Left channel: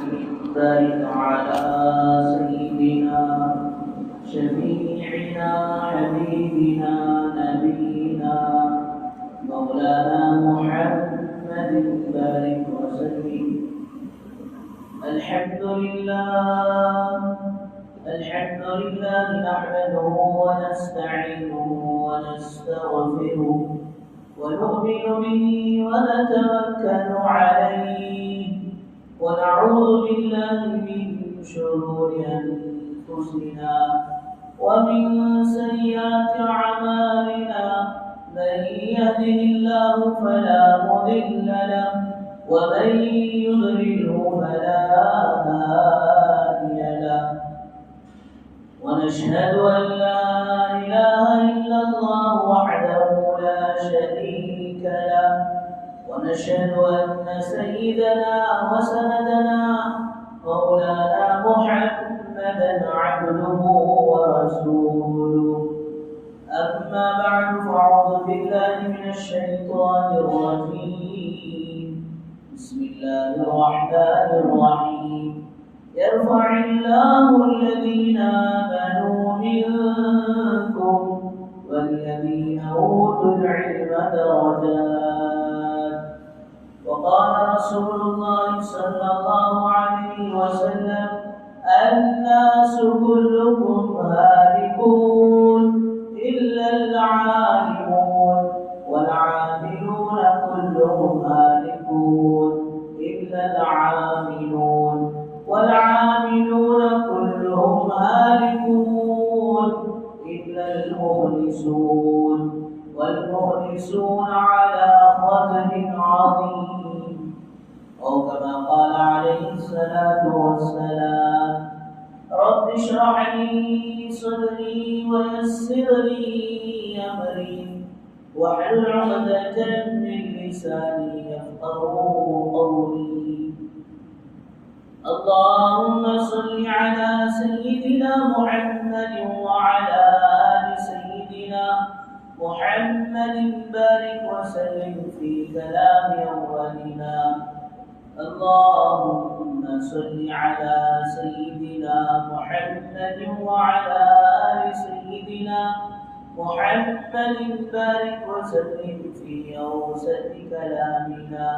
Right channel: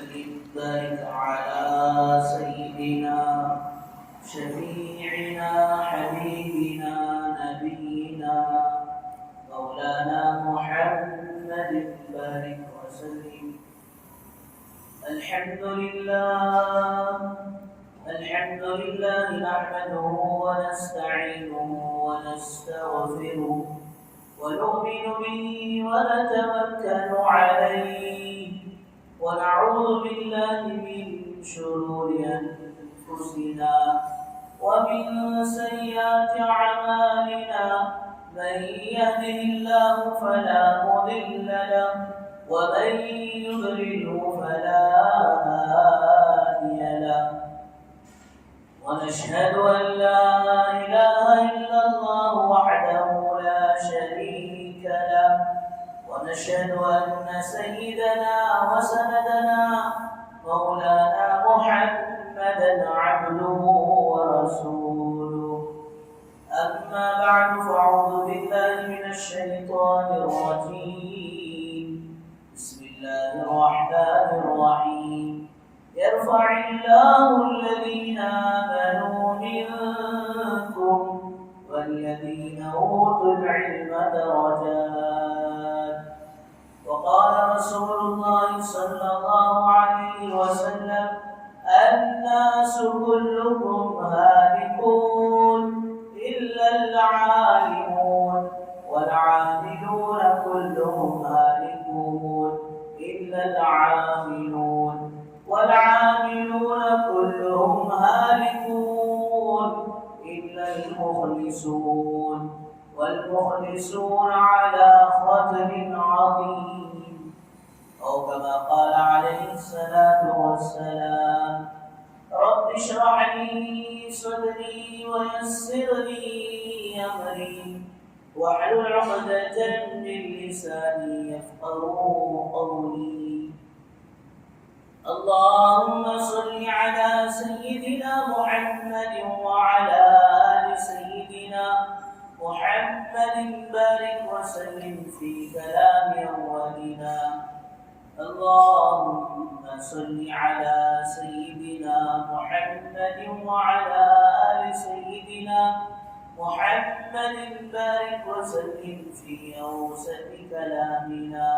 وسلم بارك على سيدنا شفيعنا حبيبنا نبينا مولانا محمد بارك وسلم. الحمد لله نحمده ونستعينه ونستغفره ونؤمن به ونتوكل عليه ونعوذ بالله من شرور أنفسنا ومن سيئات أعمالنا. من يهده الله فلا مضل له ومن يضلله فلا هادي له. ونشهد أن لا إله إلا الله وحده لا شريك له. ونشهد أن سيدنا وسندنا مولانا محمدا عبده ورسوله. أما بعد فأعوذ بالله من الشيطان الرجيم. بسم الله الرحمن الرحيم. يرفع الله الذين آمنوا منكم والذين أوتوا العلم درجات. وقال رسول الله صلى الله عليه وسلم الناس كلكم هالكون إلا العالمون والعاملون كلهم هالكون إلا العاملون والعاملون كلهم هالكون إلا المخلصون والمخلصون على خطر عظيم. أو كما قال عليه الصلاة والسلام رب اشرح لي صدري ويسر لي أمري واحلل عقدة من لساني يفقهوا قولي. اللهم صل على سيدنا محمد وعلى آل سيدنا محمد بارك وسلم في كلام أولنا. اللهم صل على سيدنا محمد وعلى آل سيدنا محمد بارك وسلم في أوسط كلامنا.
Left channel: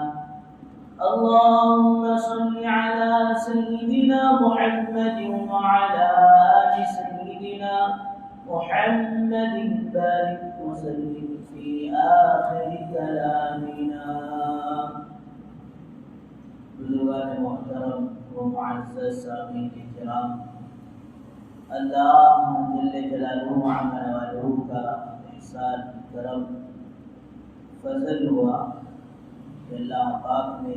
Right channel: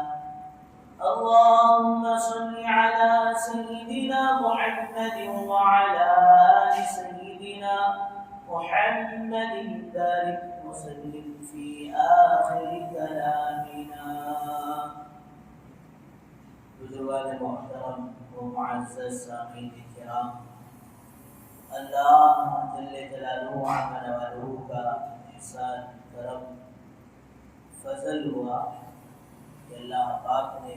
اللهم صل على سيدنا محمد وعلى آل سيدنا محمد بارك وسلم في آخر كلامنا. بزرگان محترم و معزز سامعین کرام، اللہ جل جلالہ عما نوالہ کا احسان کرم فضل ہوا کہ اللہ پاک نے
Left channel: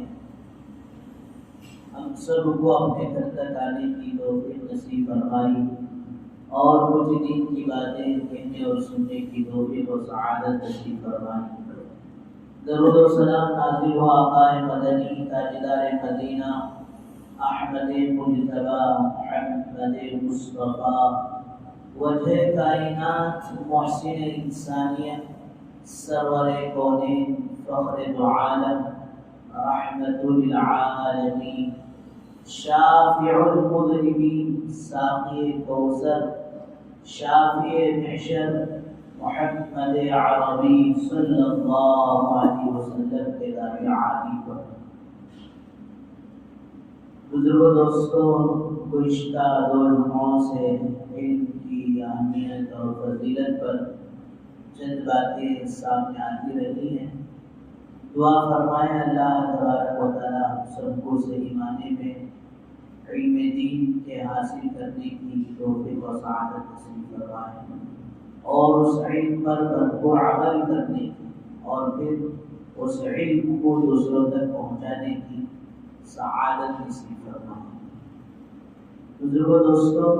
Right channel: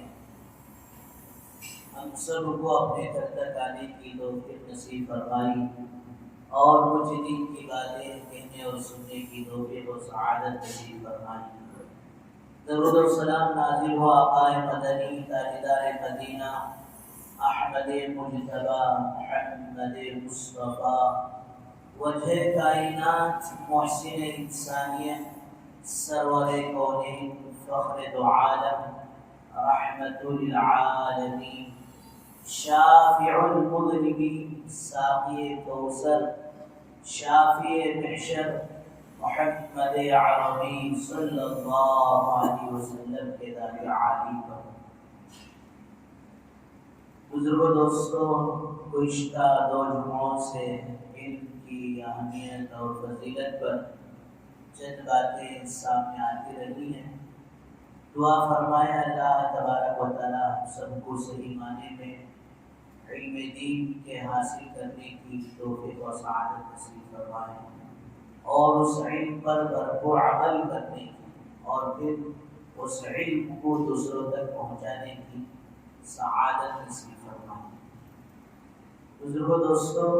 ہم سب کو اپنے گھر تک آنے کی توفیق نصیب فرمائی اور کچھ دین کی باتیں کہنے اور سننے کی توفیق و سعادت نصیب فرمائی. درود و سلام نازل ہو آقا مدنی تاجدار مدینہ احمد مجتبی محمد مصطفیٰ وجہ کائنات محسن انسانیت سرور کونین فخر دو عالم رحمت للعالمین شافع المذنبین ساقی کوثر شافع محشر محمد عربی صلی اللہ علیہ وسلم کے دار عالی پر. بزرگوں دوستوں، گزشتہ دو جمعوں سے علم کی اہمیت اور فضیلت پر چند باتیں سامنے آتی رہی ہیں. دعا فرمائے اللہ تبارک و تعالی ہم سب کو صحیح معنی میں علم دین کے حاصل کرنے کی توفیق و سعادت نصیب فرمائے اور اس علم پر بھرپور عمل کرنے کی اور پھر اس علم کو دوسروں تک پہنچانے کی سعادت نصیب فرمائے. بزرگوں دوستوں،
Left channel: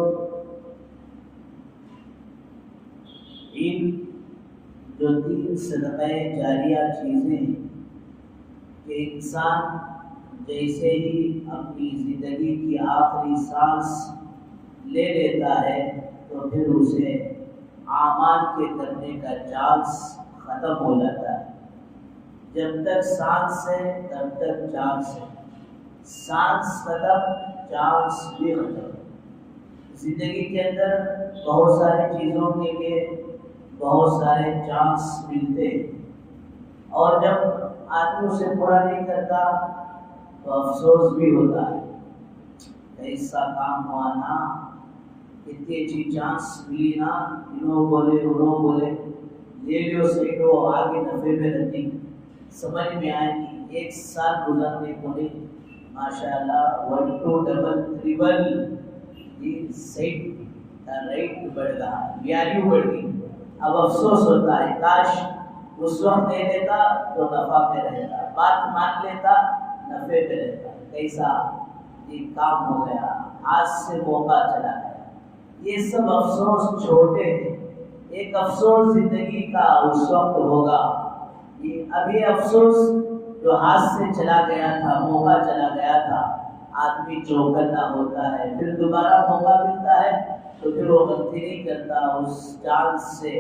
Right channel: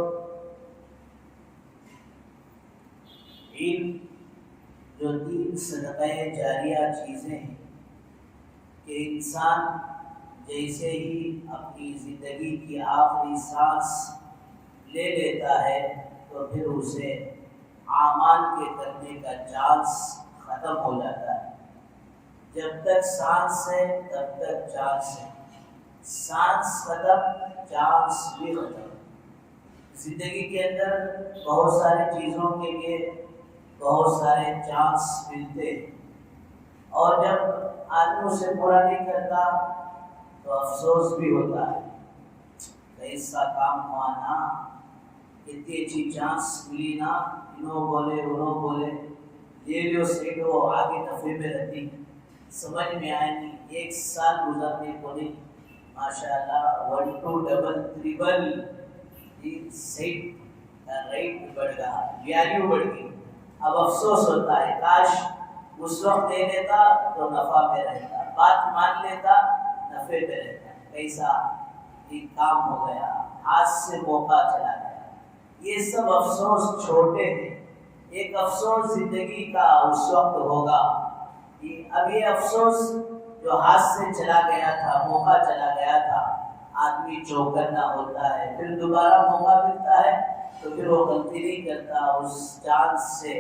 علم جو تین صدقہ جاریہ چیزیں ہیں کہ انسان جیسے ہی اپنی زندگی کی آخری سانس لے لیتا ہے تو پھر اسے اعمال کے کرنے کا چانس ختم ہو جاتا ہے. جب تک سانس ہے تب تک چانس ہے. سانس ختم چانس بھی ختم. زندگی کے اندر بہت ساری چیزوں کے لیے بہت سارے چانس ملتے ہیں، اور جب آدمی اسے پورا نہیں کرتا تو افسوس بھی ہوتا ہے. ایسا کام ہوا نا، اتنی اچھی چانس ملی نا، انہوں بولے لے لو سیٹو، آگے نفے میں رہتی، سمجھ میں آئے گی. 1 سال گزرنے کو نہیں، ماشاءاللہ 1 2 ڈبل ٹریبل سیٹ کا ریٹ بڑھ گیا، ویلیو بڑھ گئی. اب افسوس ہوتا ہے کاش اس وقت دے دیتا تو نفع پہ رہتا، بات مان لیتا نفے پہ رہتا. کیسا ایک کام ہو گیا، آج سے موقع چلا گیا. یہ سب افسوس چھوٹے ہیں. ایک افسوس زندگی کا اس وقت ہوگا. اب یہ افسوس جو ہاتھ سے چلا گیا تھا، موقع چلا گیا تھا، آدمی چوکنا ہوتا ہے. پھر دوبارہ موقع ملتا ہے تو پھر وہ غلطی نہیں کرتا، اس چانس سے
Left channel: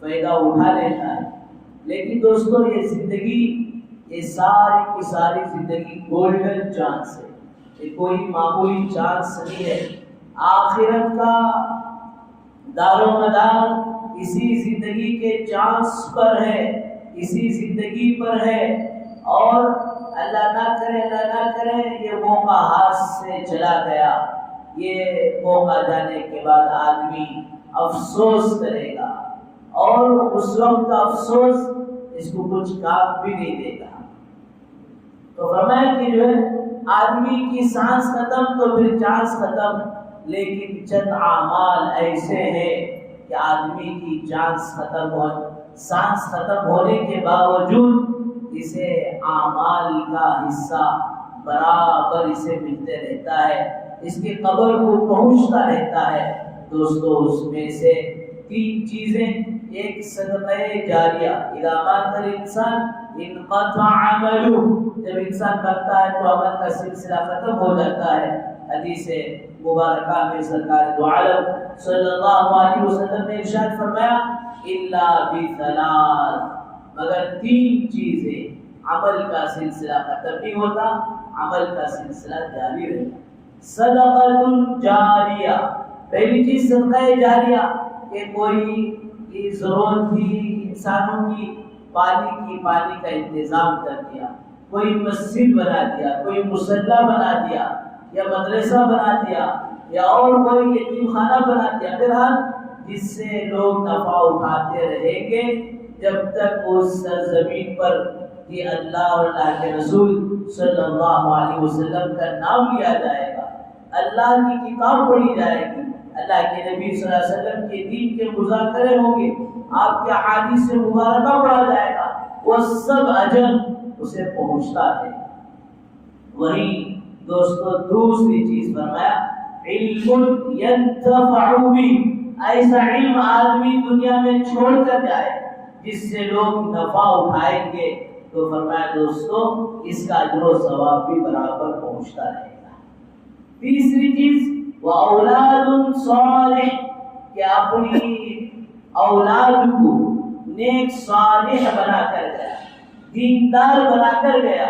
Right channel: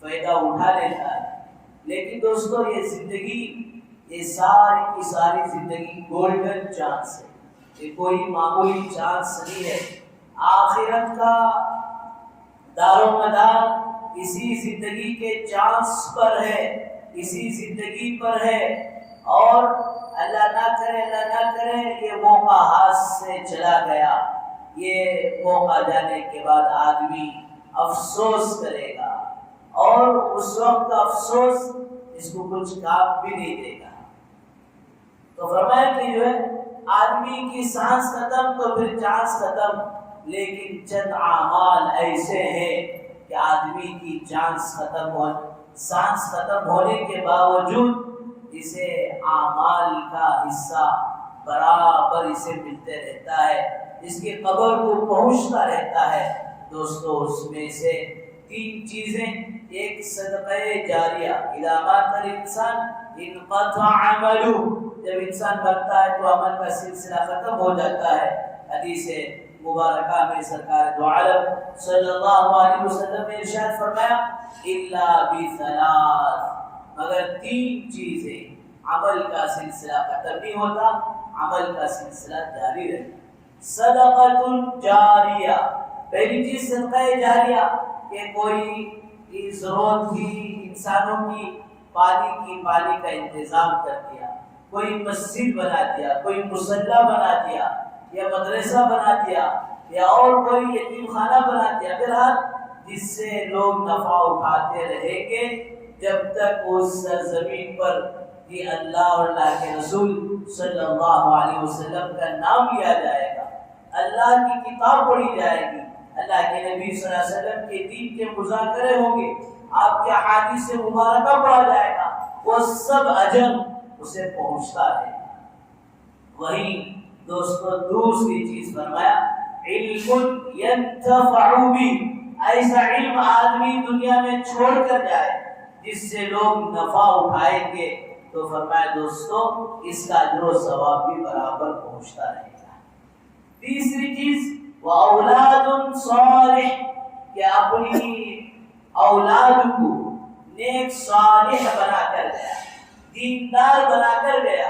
فائدہ اٹھا لیتا ہے. لیکن دوستو یہ زندگی، یہ ساری کی ساری زندگی گولڈن چانس ہے. یہ کوئی معمولی چانس نہیں ہے. آخرت کا دار و مدار اسی زندگی کے چانس پر ہے، اسی زندگی پر ہے. اور اللہ نہ کرے یہ موقع ہاتھ سے چلا گیا، یہ موقع جانے کے بعد آدمی افسوس کرے گا، اور اس وقت کا افسوس اس کو کچھ کام بھی نہیں دے گا. تو فرمایا کہ جو ہے آدمی کی سانس ختم تو پھر چانس ختم. لیکن چند اعمال ایسے ہیں کہ آدمی کی سانس ختم ہونے کے باوجود اسے اعمال کا حصہ برابر اسے ملتے رہتا ہے، اس کی قبر کو پہنچتا رہتا ہے. دوستو اس میں سے 3 چیزیں، ایک صدقہ جاریہ، اذا مات الانسان انقطع عمله، جب انسان مرتا ہے تو عمل کا سلسلہ ختم ہو جاتا ہے. حدیث مبارکہ میں سرکار دو عالم صلی اللہ علیہ وسلم نے ارشاد فرمایا الا بثلاث، مگر 3 چیزیں، عمل کا سلسلہ ختم نہیں ہوتا، عمل کا سلسلہ جاری رہتا. صدقۃ جاریہ، پہلی چیز صدقہ جاریہ، کہ کوئی ضرورت تھی انسانوں کی، پانی کا انتظام کر دیا، کوئی مسجد بنا دیا، کوئی مصلی بنا دیا، یا مدرسہ بنا دیا، یا اور کوئی یتیم خانہ بنا دیا. بہرحال جس سے لوگ نفع اٹھاتے رہیں گے جب تک اس سرزمین پر یہ اللہ اور اللہ کے رسول صلی اللہ علیہ وسلم کا نام لیا جائے گا، اللہ کی کتاب پڑھی جائے گی، اللہ کے نبی صلی اللہ علیہ وسلم کے دین کے مذاکرے ہوں گے، آپ کے احادیث مبارکہ پڑھا جائے گا، وہ سب اجر اسے پہنچتا ہے. وہیں دوستو دوسری چیز فرمایا علم ینتفع بھی، ایسا علم آدمی دنیا میں چھوڑ کر جائے جس سے لوگ نفع اٹھائیں گے، تو فرمایا دوستو اس کا اجر و ثواب بھی برابر پہنچتا رہے گا. تیسری چیز واولاد صالح، کہ اپنی اولاد کو نیک صالح بنا کر گیا، دیندار بنا کر گیا،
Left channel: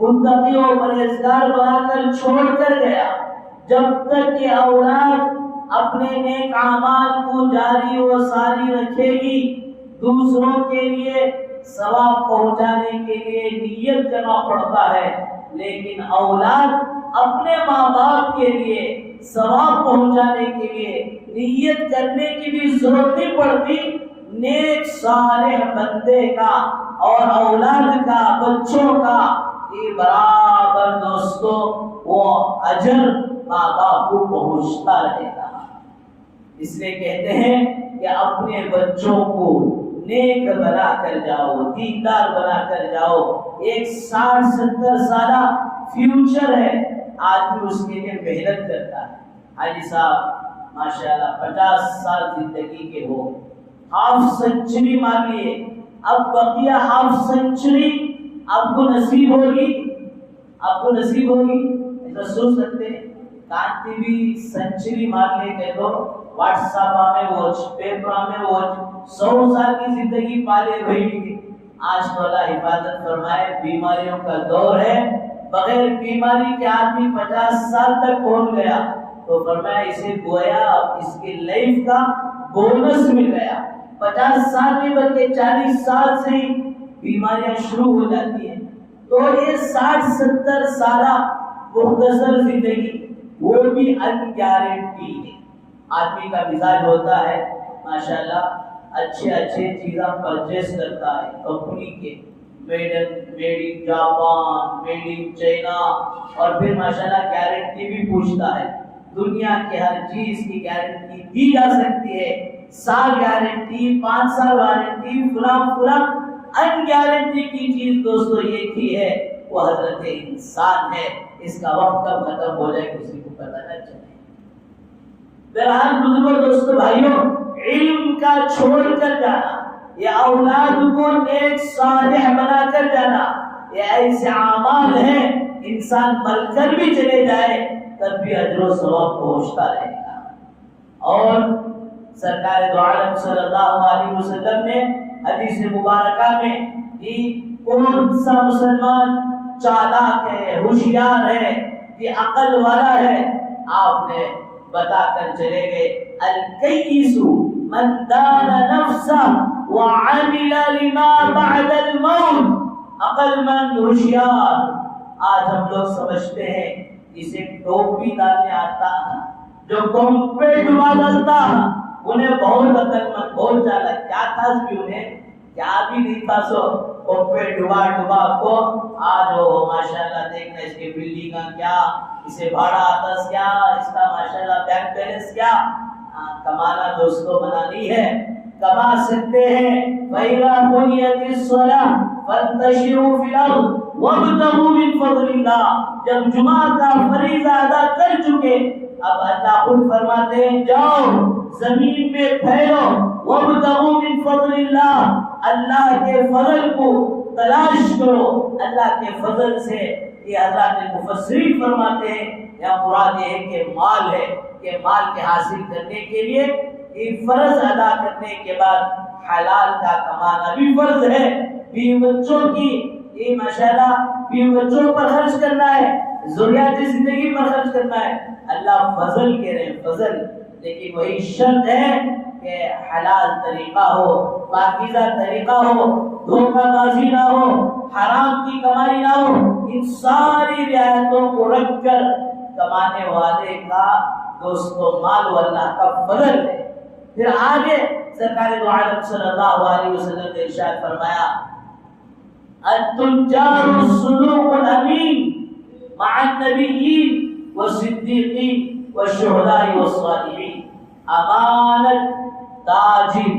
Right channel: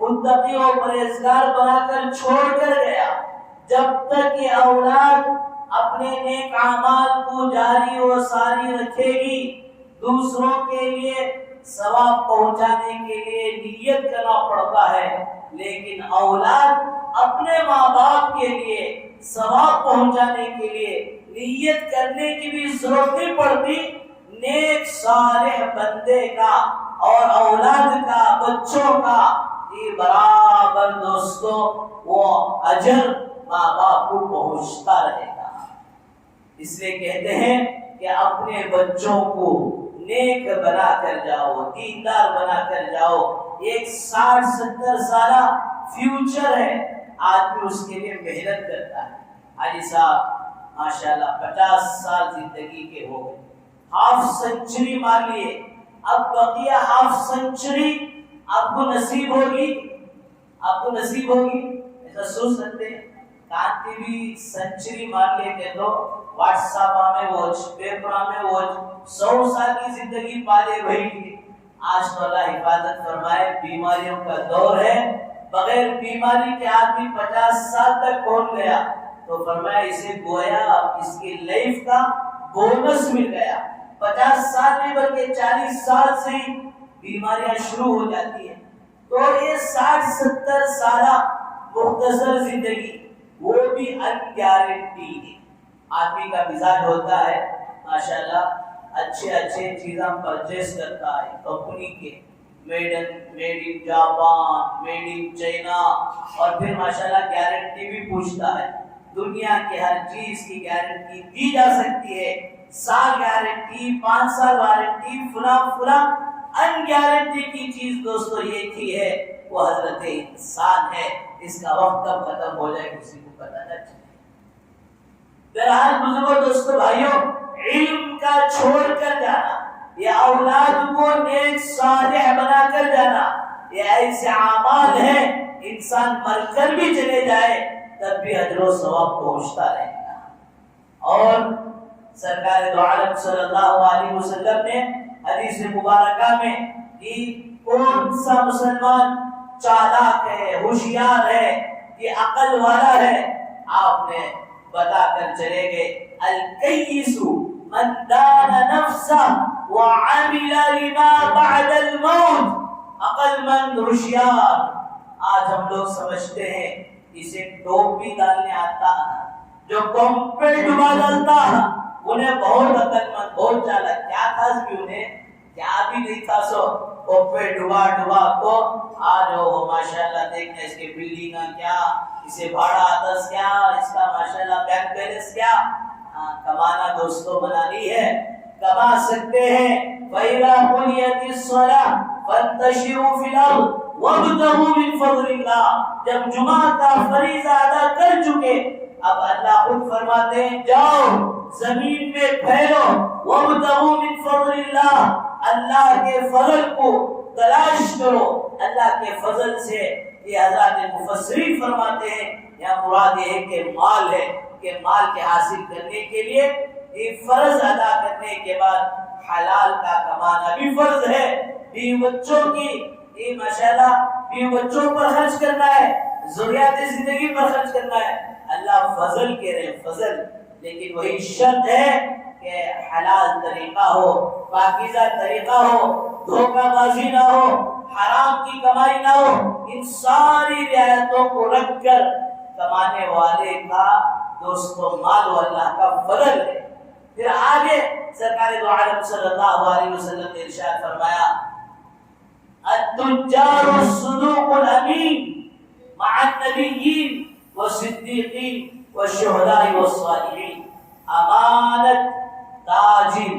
متقی اور پرہیزگار بنا کر چھوڑ کر گیا. جب تک یہ اولاد اپنے نیک اعمال کو جاری و ساری رکھے گی، دوسروں کے لیے ثواب پہنچانے کے لیے نیت کرنا پڑتا ہے، لیکن اولاد اپنے ماں باپ کے لیے ثواب پہنچانے کے لیے نیت کرنے کی بھی ضرورت نہیں پڑتی. نیک صالح بندے کا اور اولاد کا، بچوں کا، یہ برابر دوستو وہ اجر ماں باپ کو پہنچتا رہے گا. اس لیے کہتے ہیں کہ اپنے بچوں کو نیک بنا کر جاؤ، دیندار بنا کر جاؤ. ایک 60-70 سالہ فیوچر ہے، آدمی اس کے لیے محنت کرتا ہے. حاجی صاحب ماشاءاللہ 50 سال زندگی کے ہو، ہاف سینچری مان لیے، اب بقیہ ہاف سینچری آپ کو نصیب ہوگی، ایسا سوچ سکتے. کانتی بھی سینچری مان لے کہ تو واٹس ایپ میں ووچ، پیپر میں ووچ، 100 سال کی زندگی پالے بھائی. آج تو اللہ حفاظت فرمائے، بیماریوں کا دور ہے، بغیر بیماری کے آدمی 50 سال تک پہنچ گیا تو فرمایا اسے گویا اس کی لائف کا بونس مل گیا. 50 سال نہیں بلکہ 40 سال سے ہی بیماریاں شروع ہو جاتی ہیں. تو یہ 60-70 سالہ مختصر زندگی وہ بھی ان گارنٹی ہے. آدمی کا مزاج ہوتا ہے ماشاءاللہ اچھے چیزاں پرچیز کرتا ہے کمپنی کے, made in Japan, made in China, اور پھر ماشاءاللہ گارنٹی بھی پوچھتا ہے. دنیا کے ہر چیز کی گارنٹی دی جا سکتی ہے, سال گارنٹی, 5 سال وارنٹی, فلاں ان گارنٹی کی چیز دوستو ایک ہی ہے, وہ حضرت انسان ہے. اس کا وقت کب ختم ہو جائے کسی کو پتہ نہ چلے. بہرحال بزرگوں, دوستو, بھائیوں, علم کا چھوڑ کر جانا یا اولاد کو نیک صالح بنا کر جانا یہ ایسے اعمال ہیں انسان مر کر بھی چلے جائے تب بھی اجر و ثواب پہنچتا رہے گا. اور سرکار دو عالم صلی اللہ علیہ وسلم نے حدیث مبارکہ میں کہ کون سا مسلمان چالاک ہے, ہوشیار ہے, کہ عقل والا ہے, آپ نے بتا کر چلے گئے الکیس من دان نفسہ وعمل لما بعد الموت. عقل مند, ہوشیار. آج ہم لوگ سمجھتے ہیں اسے ٹوپی ڈالنے آتا ہے, جو قوم پہ ڈبا ڈالتا ہے انہیں بہت عقل مند, بہت چالاک. کیا تھا بھی انہیں, کیا بھی نہیں تھا, سو قوم پہ ڈبا کو آج ہو ماشاءاللہ دیکھنا اس کے بلی کا کیا, اسے بھاڑا آتا کیا, اس کا ماشاءاللہ بینک بیلنس کیا. کمانا دوستو بنانی ہے, کما سکتے ہیں. فَإِذَا قُضِيَتِ الصَّلَاةُ فَانتَشِرُوا فِي الْأَرْضِ وَابْتَغُوا مِنْ فَضْلِ اللَّهِ. جب جمعہ کا فریضہ ادا کر چکے اب اللہ خود فرماتے ہیں جاؤ زمین میں پھیلو, وَابْتَغُوا مِنْ فَضْلِ اللَّهِ, اللہ کے فضل کو تلاش کرو. اللہ کے فضل سے یہ حضرات مفسرین فرماتے ہیں یہاں مراد یہ ہے کہ مال ہے, کہ مال کے حاصل کرنے کے لیے یہ فرض ادا کرنے کے بعد حلال کا کمانا بھی فرض ہے. بیوی بچوں کی یہ ماشاءاللہ بیوی بچوں پر خرچ کرنا ہے, ضروریات زندگی پر خرچ کرنا ہے. اللہ فضل کہہ رہے ہیں, فضل, لیکن وہی شرط ہے کہ حلال طریقہ ہو, پاکیزہ طریقہ ہو, دھوکہ بازی نہ ہو, حرام کی کمائی نہ ہو. ان ساری رعایتوں کو رکھ کر کمانے والے کا دوستو مال و اللہ کا فضل ہے. پھر آگے سرکار دو عالم صلی اللہ علیہ وسلم نے ارشاد فرمایا التجار الصدوق الامین مع النبیین والصدیقین والشہداء والصالحین. امانت تاجر,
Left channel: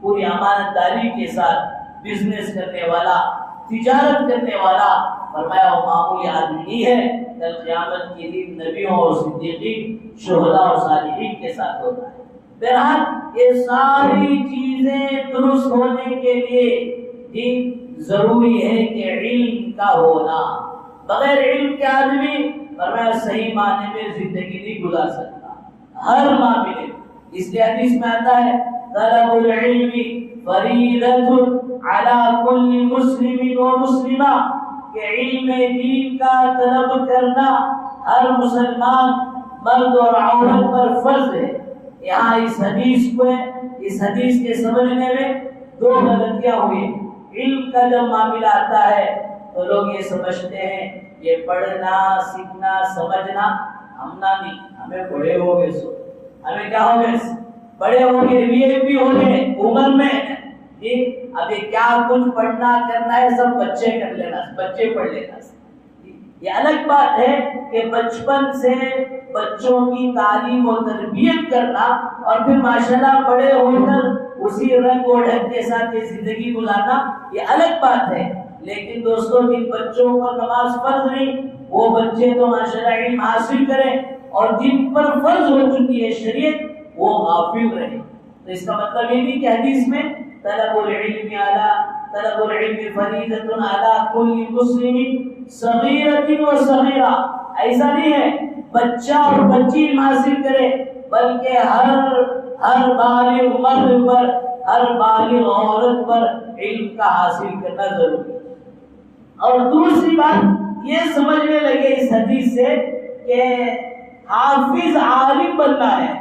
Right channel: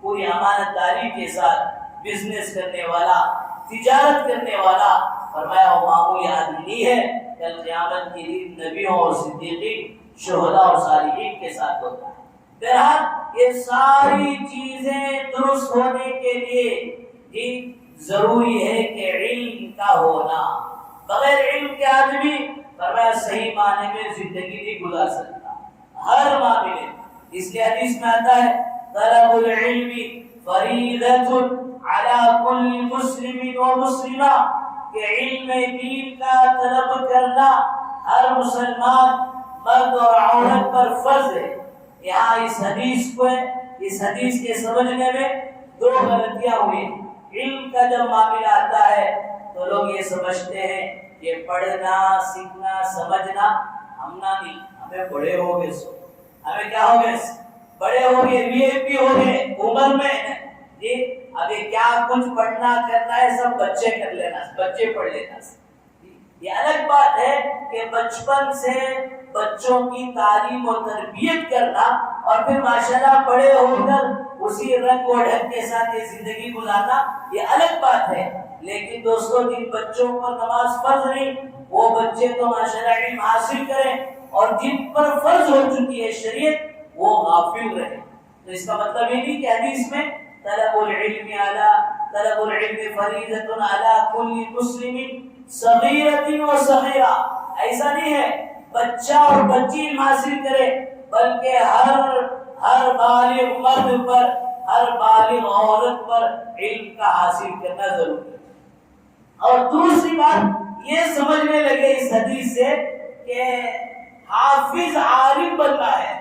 پوری امانت داری کے ساتھ بزنس کرنے والا, تجارت کرنے والا, فرمایا وہ معمولی آدمی نہیں ہے, کل قیامت کے دن نبیوں اور صدیقین, شہداء اور صالحین کے ساتھ ہوتا ہے. بہرحال یہ ساری چیزیں درست ہونے کے لیے ضروری ہے کہ علم کا ہونا. بغیر علم کے آدمی فرمایا صحیح معنی میں زندگی نہیں گزار سکتا ہر معاملے. اس لیے حدیث میں آتا ہے طلب العلم فریضۃ علی کل مسلم و مسلمہ, کہ علم دین کا طلب کرنا ہر مسلمان مرد اور عورت پر فرض ہے. یہاں اس حدیث کے سمجھنے میں دو غلطیاں ہوئی. علم کا جب معاملہ آتا ہے تو لوگ یہ سمجھتے ہیں یہ پڑھنا, سیکھنا, سمجھنا ہم نہ نہیں, ہمیں بڑے ہو گئے, سو ہمیں کیا ہو گئے, بڑے ہو گئے, وی اے پی ہو گئے عمر میں جی, ابھی کیا کچھ پڑھنا کرنا ہے سب بچے کر لینا, بچے پڑھ لینا. یہ الگ بات ہے کہ بچپن سے بچوں کی تعلیم و تربیت کرنا اور پھر ماشاءاللہ بڑے ہو کر اسی رنگ و ڈھنگ کے ساتھ یہ زندگی گزارنا, یہ الگ بات ہے. لیکن دوستوں جن بچوں پر نماز فرض نہیں وہ بچے تو ماشاءاللہ علم حاصل کریں, اور جن پر فرض ہو چکی ہے شریعت وہ غافل رہے. تو اس کا مطلب یہ نہیں کہ حدیث میں طلب العلم فریضۃ علی کل مسلم صغیرۃ و صغیرہ, ایسا نہیں ہے بچہ اور بچی علم حاصل کرے, بلکہ ہر بالغ مرد پر, ہر بالغ عورت پر علم کا حاصل کرنا ضروری ہے. اور دوسری بات یہ سمجھنے لگے اس حدیث سے کہ حافظ عالم بننا ہے،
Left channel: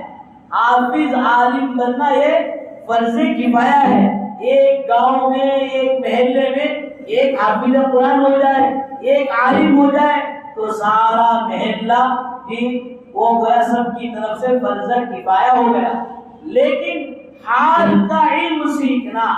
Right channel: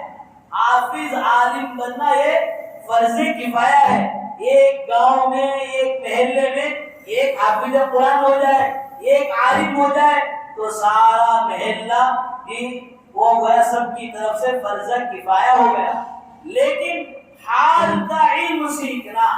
حافظ عالم بننا یہ فرض کفایہ ہے۔ ایک گاؤں میں، ایک محلے میں ایک حافظ قرآن ہو جائے، ایک عالم ہو جائے تو سارا محلہ بھی وہ گیا، سب کی طرف سے فرض کفایہ ہو گیا۔ لیکن حال کا علم سیکھنا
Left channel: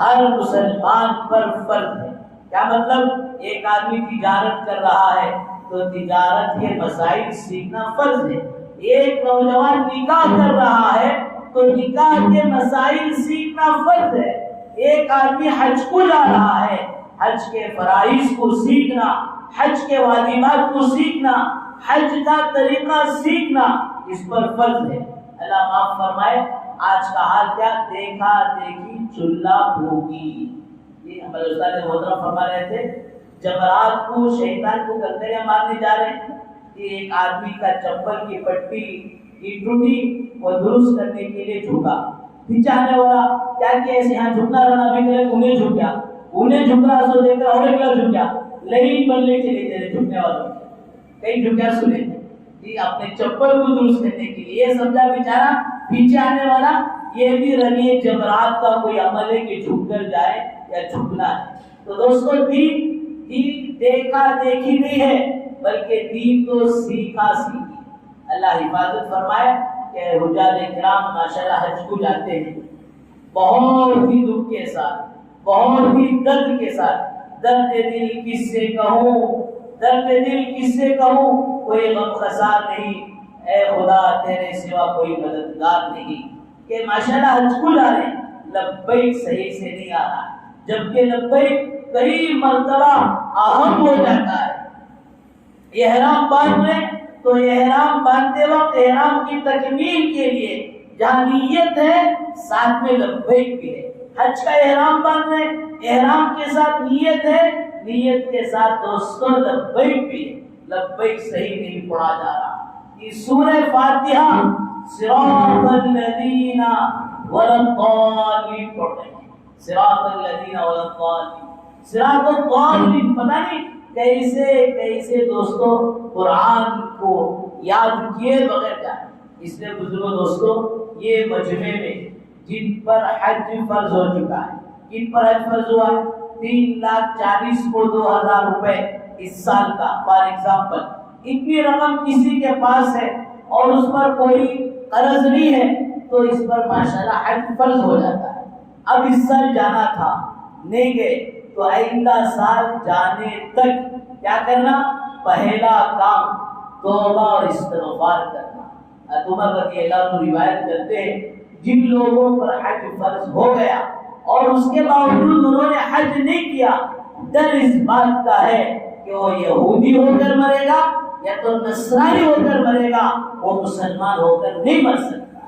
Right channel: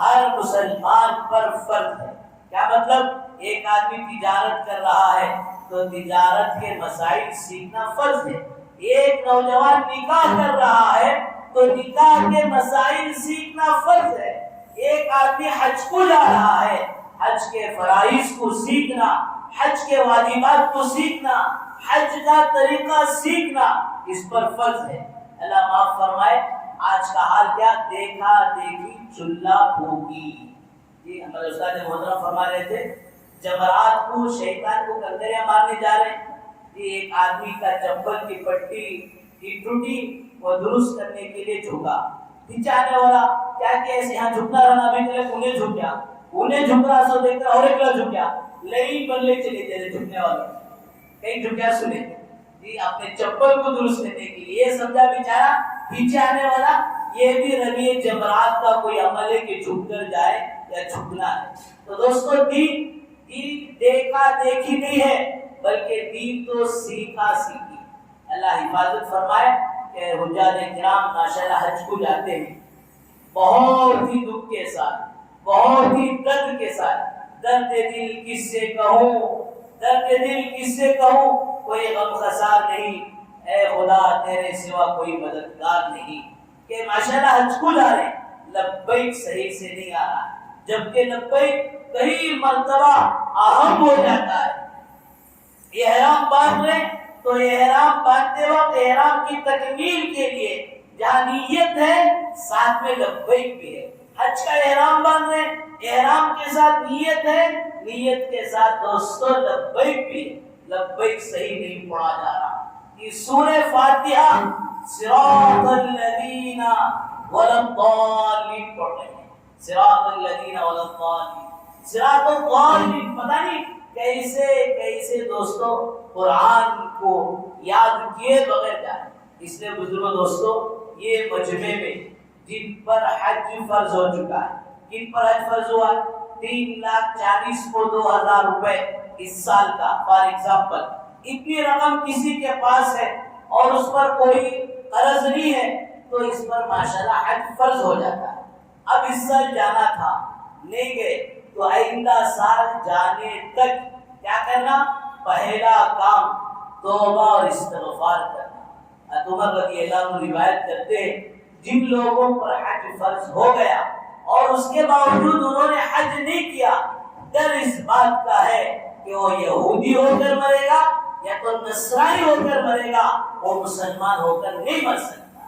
ہر مسلمان پر فرض ہے۔ کیا مطلب؟ ایک آدمی تجارت کر رہا ہے تو تجارت کے مسائل سیکھنا فرض ہے۔ ایک نوجوان نکاح کر رہا ہے تو نکاح کے مسائل سیکھنا فرض ہے۔ ایک آدمی حج کو جا رہا ہے، حج کے فرائض کو سیکھنا، حج کے واجبات کو سیکھنا، حج کا طریقہ سیکھنا اس پر فرض ہے۔ اللہ معاف فرمائے، آج کا حال کیا؟ دیکھا دیکھی چلہ پھوکی۔ یہ ہمارے استاد محترم فرما رہے تھے، جمرات کو شیطان کو کنکریاں مارنے جا رہے ہیں۔ یہ ایک آدمی کا چپل کی پٹی کی ٹوٹی، وہ درست کرنے کے لیے جھکا، پیچھے آنے والا کیا کہ ایسے یہاں جھکنا رہنا بھی کرے، انہیں جھک گیا، انہیں جھک رہا سو دیکھ کر اور ایک جھک گیا، لائن بننے چلے گئے جھکنے والوں کہیں جھک گیا سنے جی اپنے چپل کو درست کرنے کے لیے۔ یہ سمجھا بیچارہ پیچھے آنے والا یہ بھی رنگی جمرات کا کوئی عمل ہے کہ جھک کر جائے یا جھکنا ہے۔ تو دوستو دین دیکھا دیکھی نہیں ہے بلکہ دین تو سیکھا سیکھی۔ اللہ حفاظت فرمائے کہ حجاج کرام ماشاءاللہ حج کو جاتے ہیں بہت ہی دکھ کے ساتھ، بہت ہی درد کے ساتھ۔ درد دل کس سے کہوں، درد دل کس سے کہوں، کوئی غم خسار نہیں، اے خدا تیرے سوا کوئی مددگار نہیں۔ کہ ماشاءاللہ حج کو جا رہے ہیں، لبیک صحیح سے نہیں آ رہا، جبکہ لبیک کئی مرتبہ اہم ہو جاتا ہے۔ احرام باندھ رہے تو احرام باندھتے وقت احرام کی تکمیل کے لیے جہاں نیت ہے ساتھ میں لبیک بھی ہے۔ حج کا احرام باندھ رہے، احرام کے ساتھ نیت ہے، نیت کے ساتھ دوستو لبیک بھی ہے۔ لبیک صحیح نہیں پڑھا جا رہا۔ یہ سورہ فاتحہ صراط الذین ولا الضالین پڑھ رہے ہیں، صراط الذین ولا الضالین، صراط الضالین، پتہ نہیں کیسے کیسے دوستو قرآن کو یاد کیے بغیر جائے۔ اس لیے بزرگوں دوستو یہ مجمع میں جن پر حج فرض ہو چکا ہے، کن پر حج فرض ہوا ہے؟ 3,40,000 کو 2,000 روپے اس سال کا فار ایگزامپل، اتنی رقم کسی کے پاس ہے اور اس پر کوئی قرض نہیں ہے تو اس پر ماشاءاللہ حج فرض ہو جاتا ہے۔ اب اس سال جانا تھا، نہیں گئے تو آئندہ سال جانے تک کیا کرنا؟ پہلا کام توبہ اور استغفار کرنا۔ عمر رضی اللہ عنہ روایت کرتے ہیں جن لوگوں پر حج فرض ہو گیا اور اس کے باوجود انہوں نے حج نہیں کیا، ڈر اس بات کا ہے کہ وہ یہودی ہو کر مرے گا یا تو نصرانی ہو کر مرے گا، وہ مسلمان ہو کر نہیں مر سکتا۔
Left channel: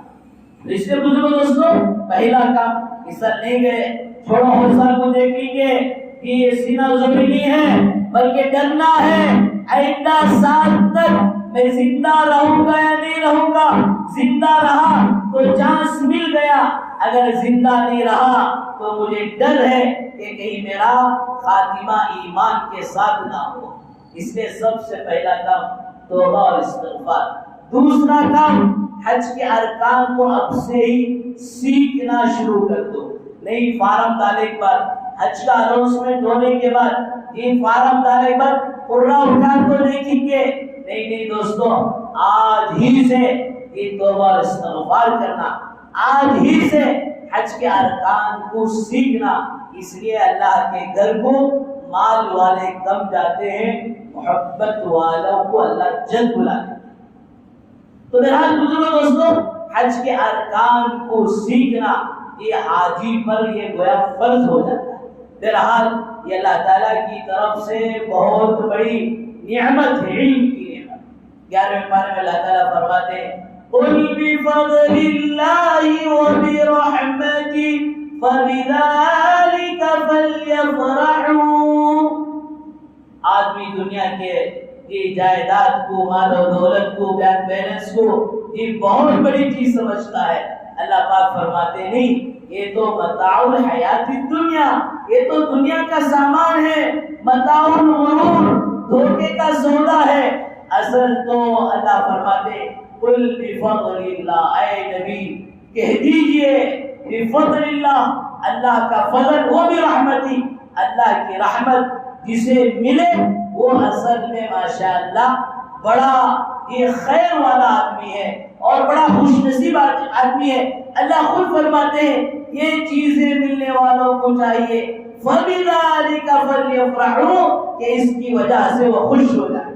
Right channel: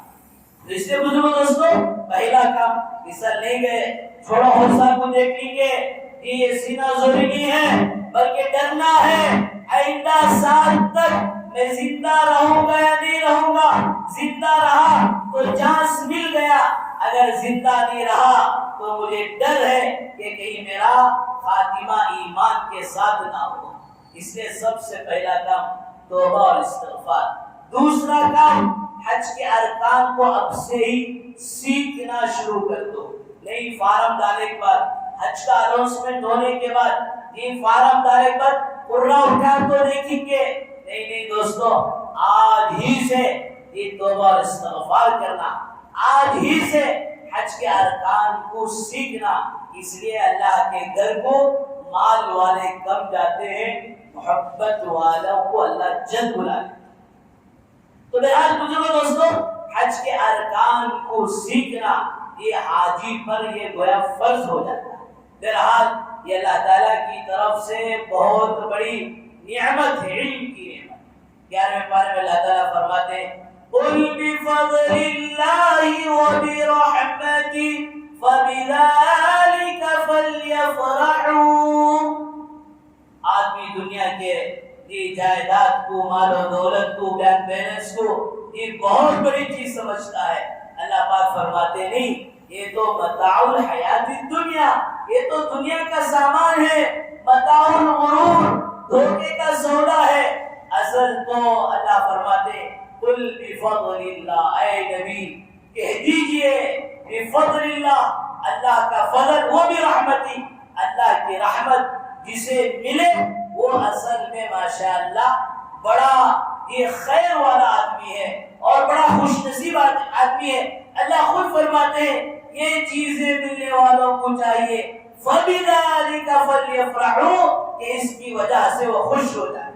اس لیے بزرگوں دوستو پہلا کام اس سال نہیں گئے، چھوڑو حوصلہ کو دیکھ لیں گے کہ یہ سینہ زوری نہیں ہے بلکہ ڈرنا ہے آئندہ سال تک میں زندہ رہوں گا یا نہیں رہوں گا۔ زندہ رہا تو چانس مل گیا، اگر زندہ نہیں رہا تو مجھے ڈر ہے کہ کہیں میرا خاتمہ ایمان کے ساتھ نہ ہو۔ اس لیے سب سے پہلا کام توبہ اور استغفار۔ دوسرا کام حج کے ارکان کو اب سے ہی سیکھنا شروع کر دو۔ نہیں فارم ڈالے کے بعد، حج کا اناؤنسمنٹ ہونے کے بعد، یہ فارم ڈالے کے بعد قرہ اٹھا تو دیکھیں گے، نہیں دوستو آج ہی سے یہ توبہ اور استغفار کرنا، آج ہی سے حج کے ارکان کو سیکھنا۔ اس لیے اللہ کے گھر کو مال والے کم جاتے ہیں، محبت والوں کو اللہ جلد بلاتے۔ تو بہرحال بزرگوں دوستو حج کے ارکان کو سیکھنا یہ حاجی پر یہ گویا فرض ہو جاتا ہے۔ بہرحال یہ اللہ تعالیٰ کی طرف سے بہت بڑی نعمت ہے، علم کی نعمت۔ 11ویں پارے میں اللہ تعالیٰ فرماتے ہیں قُلْ بِفَضْلِ اللَّهِ وَبِرَحْمَتِهِ فَبِذَلِكَ فَلْيَفْرَحُوا۔ آدمی دنیا کے یہ جائیداد کو، مال و دولت کو، بینک بیلنس کو یہ بہت بڑی چیز سمجھتا ہے۔ اللہ پاک فرماتے نہیں، یہ تو متاع الحیات الدنیا، یہ تو دنیا کا سامان ہے، متاع الغرور، دھوکے کا سودا ہے. اصل تو اللہ فرماتے قل بفضل اللہ، اے نبی کہہ دیجئے بفضل اللہ، اللہ کا فضل، وہ بھی رحمتی، اللہ کی رحمت جسے ملے وہ اصل میں ماشاءاللہ بڑا یہ خیر والا آدمی ہے اور بڑا خوش نصیب آدمی ہے. اللہ خود فرماتے ہیں یہ چیزیں ملنے والوں کو چاہیے فَبِذَلِكَ فَلْيَفْرَحُوا، کہ اس کی وجہ سے وہ خوش ہو جائے.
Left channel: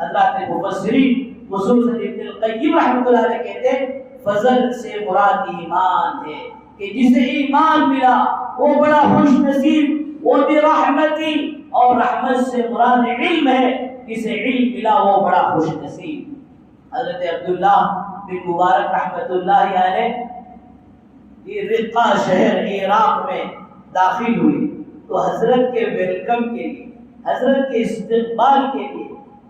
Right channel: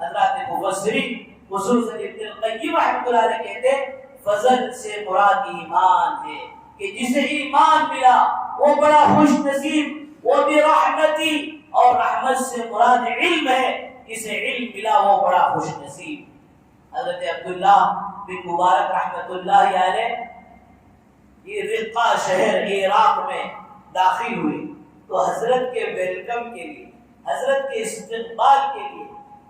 حضرات مفسرین خصوصاً ابن القیم رحمۃ اللہ علیہ کہتے ہیں فضل سے مراد ایمان ہے، کہ جسے ایمان ملا وہ بڑا خوش نصیب، وہ بھی رحمتی، اور رحمت سے مراد علم ہے، جسے علم ملا وہ بڑا خوش نصیب. حضرت عبداللہ بن مبارک رحمۃ اللہ علیہ یہ رقہ شہر عراق میں داخل ہوئی تو حضرت کے ویلکم کے لیے، حضرت کے استقبال کے لیے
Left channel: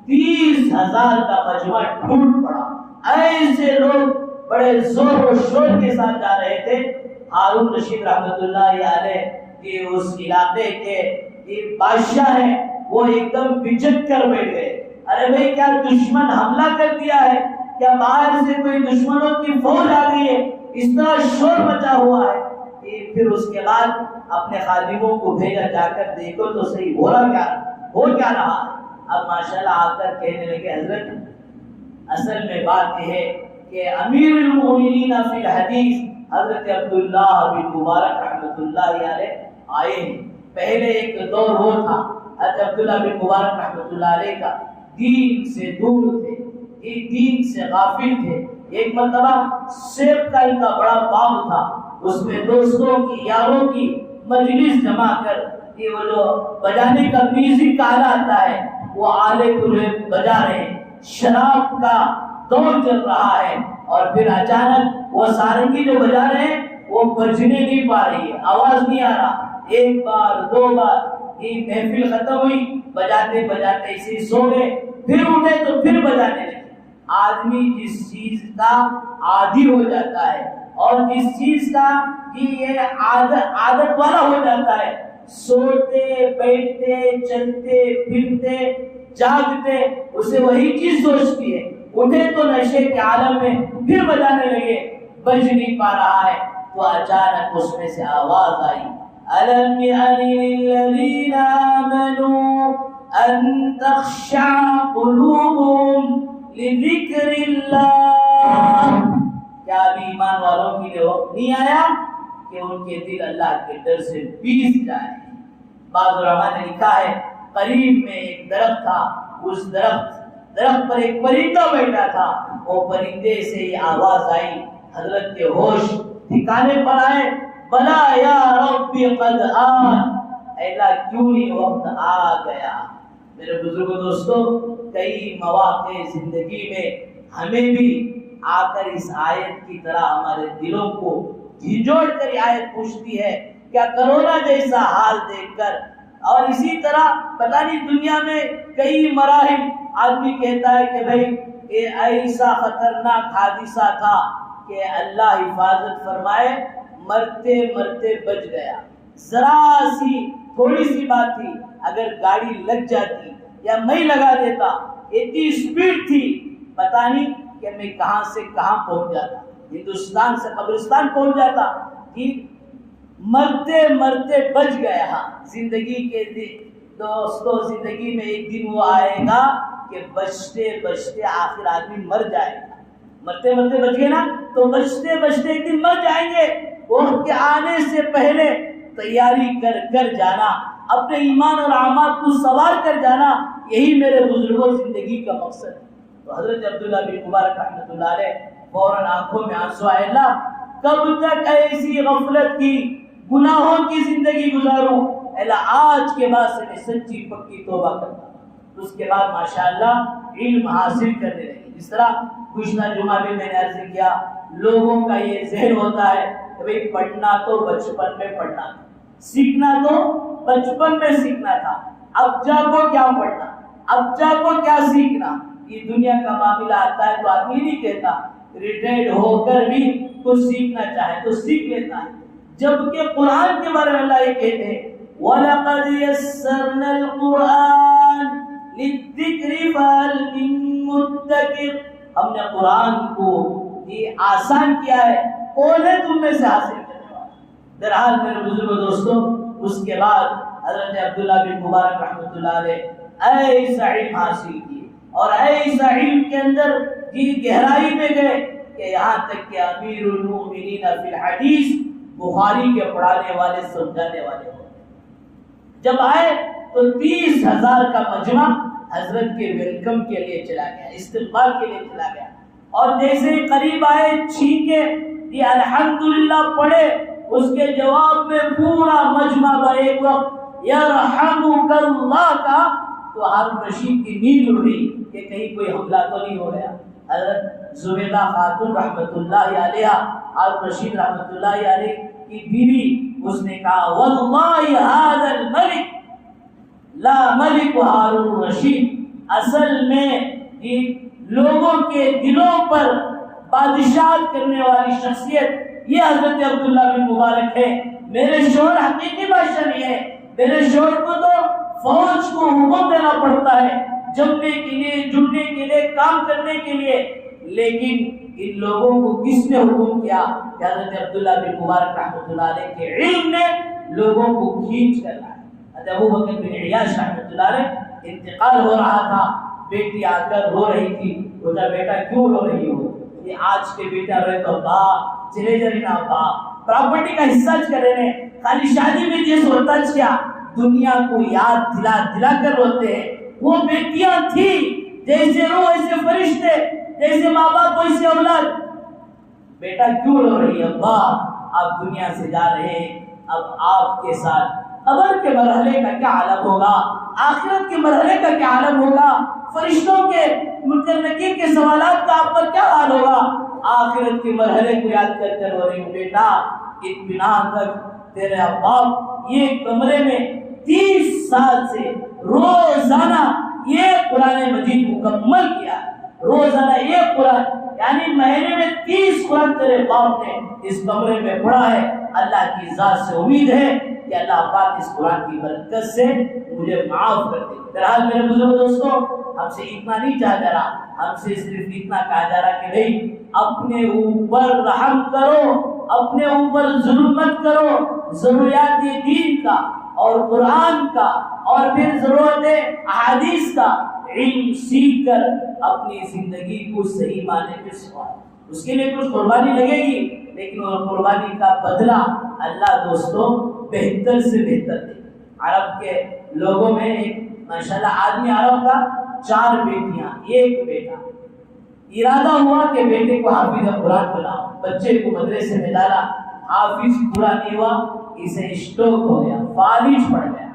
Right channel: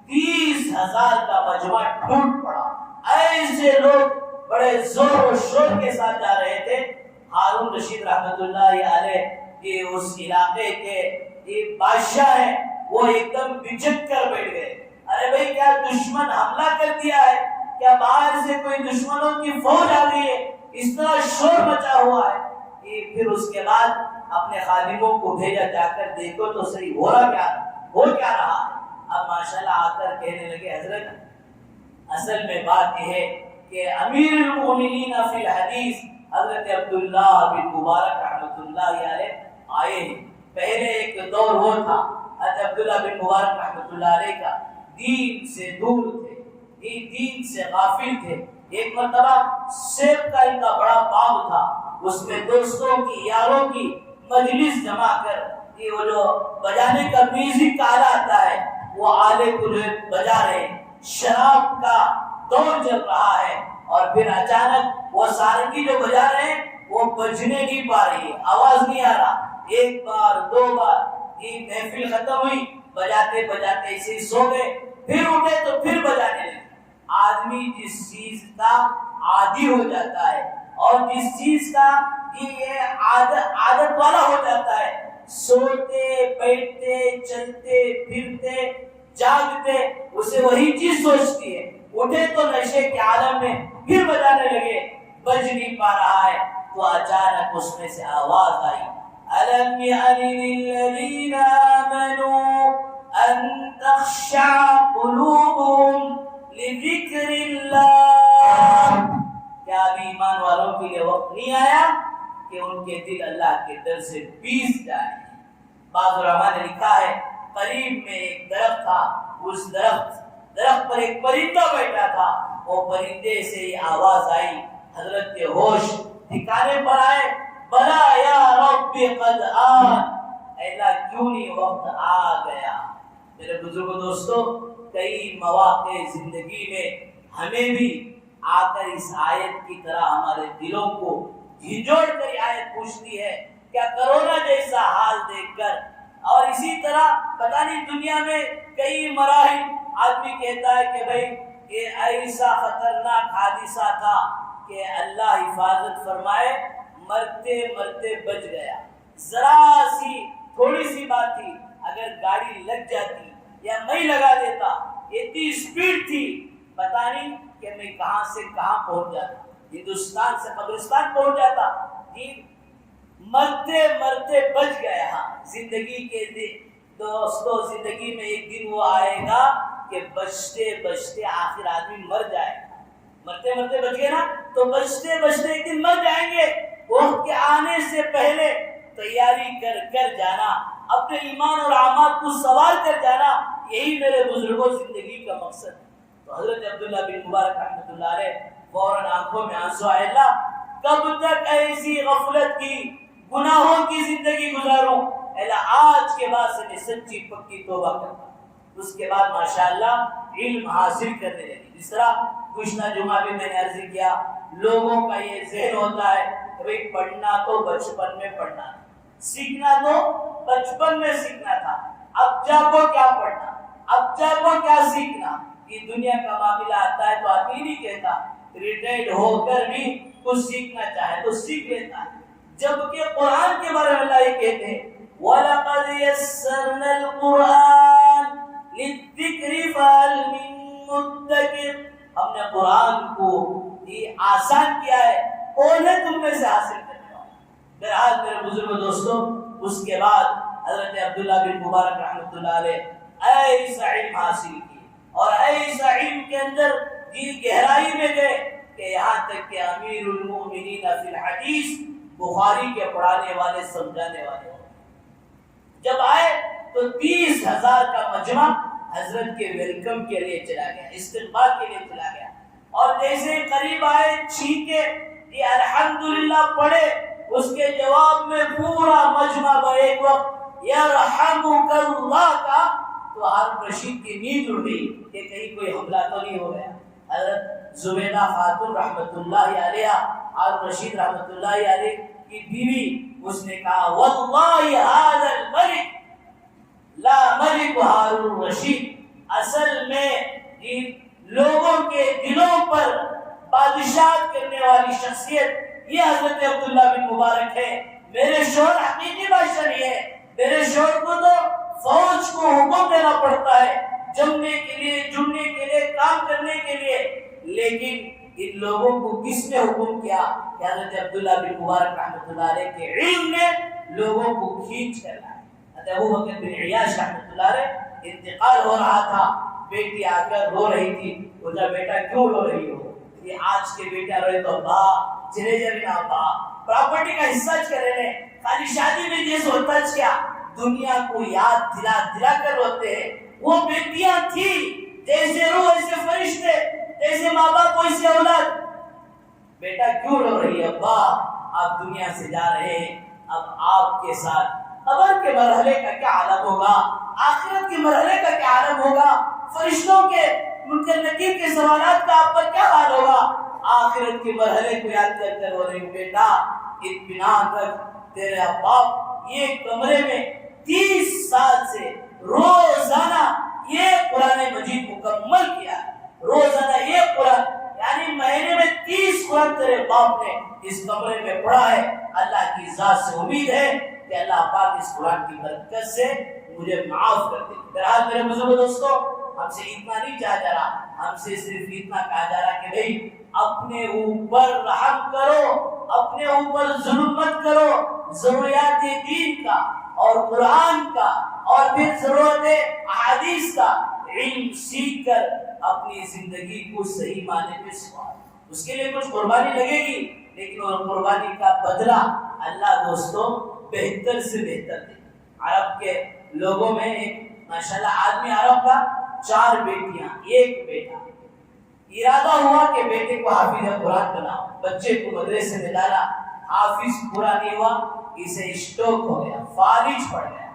30,000 کا مجمع ٹوٹ پڑا. ایسے لوگ بڑے زور و شور کے ساتھ جا رہے تھے. ہارون رشید رحمۃ اللہ علیہ یہ اس علاقے کے یہ بادشاہ ہیں، وہ ایک دم بچک کر بیٹھ گئے. ارے بھائی کیا دشمن حملہ کر دیا ہے؟ کیا باہر سے کوئی دشمنوں کی فوج آ گئی ہے؟ اس طرح شور مچا ہوا ہے. پھر اس کے بعد اپنے خادموں کو بھیجا جا کر دیکھو تو صحیح ہو کیا رہا ہے. اب ماشاءاللہ آ کر کہنے لگے حضرت اصل میں بات یہ ہے کہ امیر المومنین فی الحدیث حضرت عبداللہ بن مبارک رحمۃ اللہ علیہ آئے ہیں. پہلے ایک دور وہ تھا حضرت عبداللہ بن مبارک رحمۃ اللہ علیہ کا دین سے دور تھے، دین سے غافل تھے. ایک مرتبہ سیب کا ان کا بڑا باغ تھا، اس میں دوستوں کی یاروں کی مجلس جمع کر یہ وہ جو بجانے کا میوزک کا آلہ آتا ہے وہ آلے کو بجا رہے، شراب کا دور چل رہا ہے، اور پھر اچانک وہ سارنگی جو بجا رہے ہیں وہ بجنے نہیں پا رہی ہے، آواز نہیں آ رہا. ایک بار دو بار یہ محفل ختم ہوئی، بجاتے بجاتے اسی سو گئے. پھر اٹھے تو پھر بجانے لگے. آدمی جس چیز کا عادی ہو جاتا ہے اور جس چیز کا یہ عادت والا ہو جاتا ہے، سوتے بیٹھتے چلتے پھرتے جاگتے اسے وہی چیز سوچتی ہے. اٹھے تو نشے کے عالم میں پھر بجانے لگے، بج نہیں پا رہا ہے. تو اچانک اس میں سے آواز آئی أَلَمْ يَأْنِ لِلَّذِينَ آمَنُوا أَن تَخْشَعَ قُلُوبُهُمْ لِذِكْرِ اللَّهِ، کیا ابھی ایمان والوں کے لیے وقت نہیں آیا کہ ان کے دل اللہ کے ڈر سے پیس جائیں. بعض علماء نے لکھا ہے قریب میں ایک درخت تھا، اس درخت پر ایک پرندہ بیٹھا تھا. وہ پرندے سے یہ آواز آئی، حضرت کے ہوش ٹھکانے پر آئے. بلا یا رب قد آن، اے اللہ کیوں نہیں وقت آ گیا. میرے بزرگوں دوستوں، کئی مواقع زندگی میں ہمیں بھی آ کر اس آیت کی طرح ہمارے دلوں کو جھنجھوڑ کر یہ آیت پوچھتی ہے. کیا کرونا جیسا حال دیکھ کر اور اسی طرح پتہ نہیں دنیا میں کئی مراحل آدمی کہتا ہے کہ بھائی یہ ایسا خطرناک حادثہ تھا کہ اللہ حفاظت فرمائے، مرتے مرتے بچ گیا. ذرا سی تھوڑی سی بات تھی، اگر گاڑی لگ جاتی یا میں لگا دیتا، اتنی سپیڈ تھی پتہ نہیں کہ میں کہاں سے کہاں پہنچ جاتا، ہندوستان سے قبرستان پہنچ جاتا. مرتے مرتے بچ گیا. زندگی کے دوستوں، زندگی میں ایک دن وہ آئے گا کہ بچتے بچتے آخر آدمی مر جائے گا. مرتے مرتے بچ گئے نا تو بچتے بچتے ایک دن مر جائیں گے. وقت کے آنے سے پہلے تیاری کر کر جانا، اپنے ایمان اور اعمال کو سوار کر جانا، یہی میرے بزرگوں زندگی کا مقصد ہے. تو حضرت عبداللہ بن مبارک رحمۃ اللہ علیہ فوراً آنکھوں میں آنسو آئے، اللہ کب تک ایسی غفلت کی گناہوں کی زندگی گزاروں؟ اللہ آج کے بعد سے میں سچی پکی توبہ کرتا ہوں. اس کے بعد ماشاءاللہ علم حاصل کرنے لگے. جس طرح گزشتہ جمعہ بھی میں نے عرض کیا، لوگوں کا یہ ذہن ہوتا ہے کہ بھئی پڑھنا تو بچپن میں پڑھنا تھا، سیکھنا تو بچپن میں سیکھنا تھا، اب جب وہ کیا پڑھنا، اب جب وہ کیا سیکھنا. یہ دنیا کا معاملہ آتا ہے تو آدمی نہیں کہتا ریٹائرڈ ہو کر بھی کچھ سیکھنا چاہے تو سیکھ لیتا ہے. جبکہ قرآن کے بارے میں اللہ یہ کہتے ہیں وَلَقَدْ يَسَّرْنَا الْقُرْآنَ للذکر فہل من مدکر، ہم نے قرآن کو یہ آسان کیا ہے، کون ہے تم میں سے حاصل کرنے والا؟ بہرحال میرے بزرگ دوستوں، اس کے بعد حضرت عبداللہ بن مبارک رحمۃ اللہ علیہ ایسا علم حاصل کیے اور ایسا علم کے اندر گہرائی میں گئے کہ یہاں تک کہ امیر المؤمنین فی الحدیث، بخاری کے پڑھانے والے سمجھانے والے ہو گئے۔ جب آئے تو 30,000 کا مجمع حضرت کے ویلکم کے لیے چلا گیا، استقبال کے لیے چلا گیا، اور جیسے ہی قریب آئے چھینکے یہ الحمدللہ پڑھے، اس کے جواب میں پورا مجمع ایک وقت یرحمک اللہ کا، تو ہارون رشید کی نیند اڑ گئی کہ کہیں کوئی حملہ تو نہیں ہو گیا۔ حضرت زبیدہ خاتون رحمۃ اللہ علیہ، ہارون رشید رحمۃ اللہ علیہ کی بیوی، اس نے کہا واللہ ھذا الملک لا ملک ہارون رشید، اصل میں لوگوں کے دلوں پر بادشاہت کرنے والی شخصیت یہ حضرت عبداللہ بن مبارک ہے۔ میرے شوہر حقیقی بادشاہ نہیں ہے، میرے شوہر کو تو فوج کو حکم دینا پڑتا ہے جمنے کے لیے، جڑنے کے لیے، کام کرنے کے لیے، لیکن ان لوگوں کو کس نے حکم کیا کہ حضرت عبداللہ بن مبارک رحمۃ اللہ علیہ کے علم نے لوگوں کو کھینچ کر لایا۔ حضرت ابو بکر بن عیاش رحمۃ اللہ علیہ انتقال ہو رہا تھا، بیٹی آ کر رو رہی تھی، بولا بیٹا کیوں رو رہی ہو؟ یہ آج کے بیٹا روئے تو با چلے جری نا با پراپرٹی کا حصہ کرے نے، خالی شادی میں جس ہوتا کیا دنیا کو یاد دلا دلا کر روتے ہیں۔ وہ بیٹیاں تھی جیسے روح ایسے فرشتے، جیسے ماں باپ ویسے اولاد۔ بیٹا کیوں رو رہی ہے؟ ابا آپ دنیا سے جا رہے ہیں، اب آپ کے ساتھ قبر کے مرحلے کا کیا عالم ہوگا، آخرت کے مرحلے کا کیا عالم ہوگا، فرشتوں کے منکر نکیر کے سوالات کا آپ پر کیا حال ہوگا۔ آخرت کے مرحلے کو یاد کر کر رو رہی ہوں۔ بیٹا اطمینان کر، تیرے باپ یہ کمرے میں 30 سال سے روزانہ یہ قرآن مجید مکمل کیا، روزانہ یہ قرآن، یعنی مہینے میں 30 قرآن تیرے باپ نے اس کمرے میں پڑھا ہے۔ اللہ کی ذات سے امید ہے کہ اللہ پاک اس قرآن کی برکت سے مجھے معاف کر دے۔ بہرحال میرے بزرگ دوستوں، ہم سے اتنا نہیں چاہا جا رہا، ہم سے صرف اتنا کہا جا رہا کہ نہیں، اپنے اوپر رحم کرو، اپنے اوپر ظلم مت کرو، ضروریات دین کا اور قرآن کا اور پھر ضرورت احادیث کا علم سیکھ کر اپنی زندگی کو صحیح معنی میں سنوارو۔ اس کے لیے کچھ قربانی لگے گی، لیکن وہ قربانی کا بدلہ اللہ دوستوں بہتر سے بہتر دے۔ عرب کے لوگوں میں ایک ماشاءاللہ آدمی عرب کا 4 بیٹیاں 1 بیٹا، ارادہ ہوا کہ بیٹے کو حافظ قرآن بناؤ، بچے کو مدرسے میں ڈالا، حافظ پورا نہیں ہوا، اسے اسٹروک ہو گیا، فالج پڑ گیا۔